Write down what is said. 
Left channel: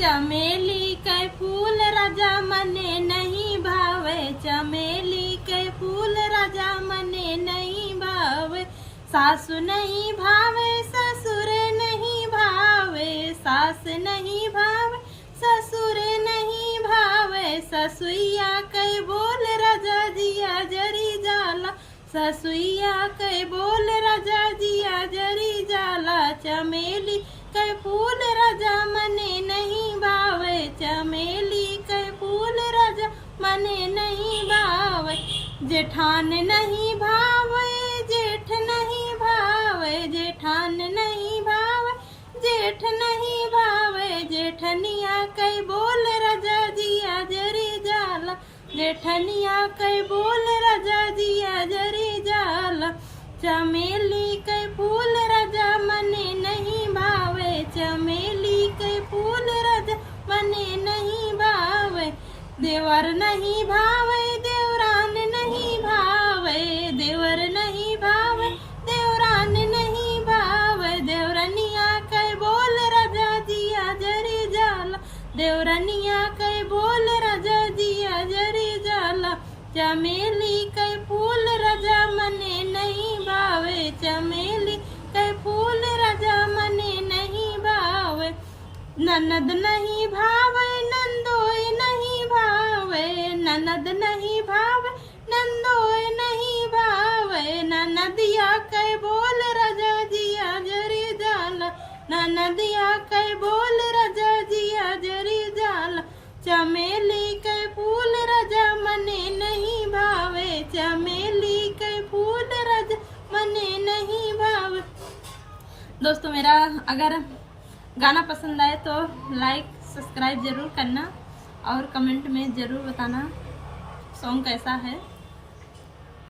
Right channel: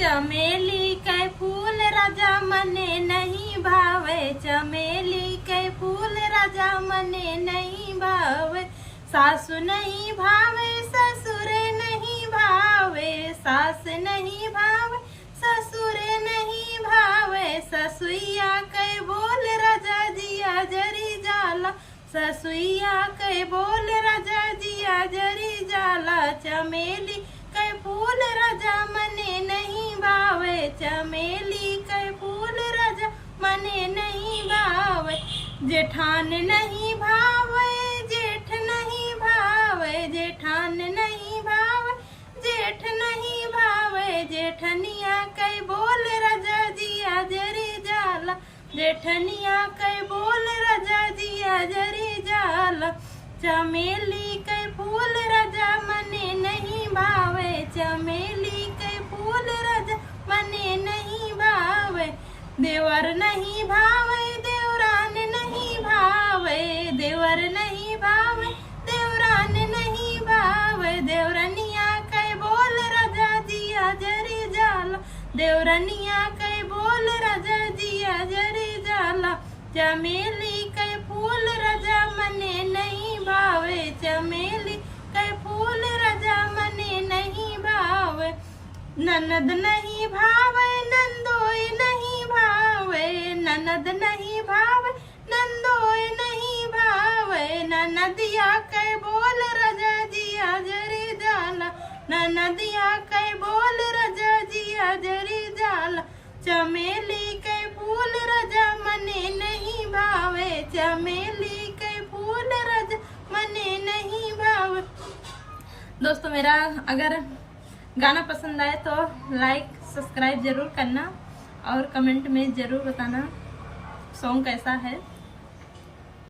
चमेली के फूल राजा मने नहीं भावे, चमेली के फूल राजा मने नहीं भावे। सासु नहीं भावे ससुर नहीं भावे, सास नहीं भावे ससुर नहीं भावे। ससुइया के बोल राजा जिया जरी जाला, ससुइया के बोल राजा जिया जरी जाला। चमेली के फूल राजा मने नहीं भावे, चमेली के फूल राजा मने नहीं भावे। जेठान नहीं भावे जेठ नहीं भावे, जेठान नहीं भावे जेठ नहीं भावे। जेठनिया के बोल राजा जिया जरी जाला, जेठनिया के बोल राजा जिया जरी जाला। चमेली के फूल राजा मने नहीं भावे, चमेली के फूल राजा मने नहीं भावे। देवर नहीं भावे देवरान नहीं भावे, देवर नहीं भावे देवरान नहीं भावे। देवरनिया के बोल राजा जिया जरी जाला, देवरनिया के बोल राजा जिया जरी जाला। चमेली के फूल राजा मने नहीं भावे, चमेली के फूल राजा मने नहीं भावे। ननद नहीं भावे नंदोय नहीं भावे, ननद नहीं भावे नंदोय नहीं भावे। ननदिया के बोल राजा जिया जरी जाला, ननदिया के बोल राजा जिया जरी जाला। चमेली के फूल राजा मने नहीं भावे, चमेली के फूल राजा मने नहीं भावे। दोस्तों मेरा अगर गाना पसंद आए तो लाइक सब्सक्राइब जरूर करना और कमेंट में जरूर बताना सॉन्ग कैसा है।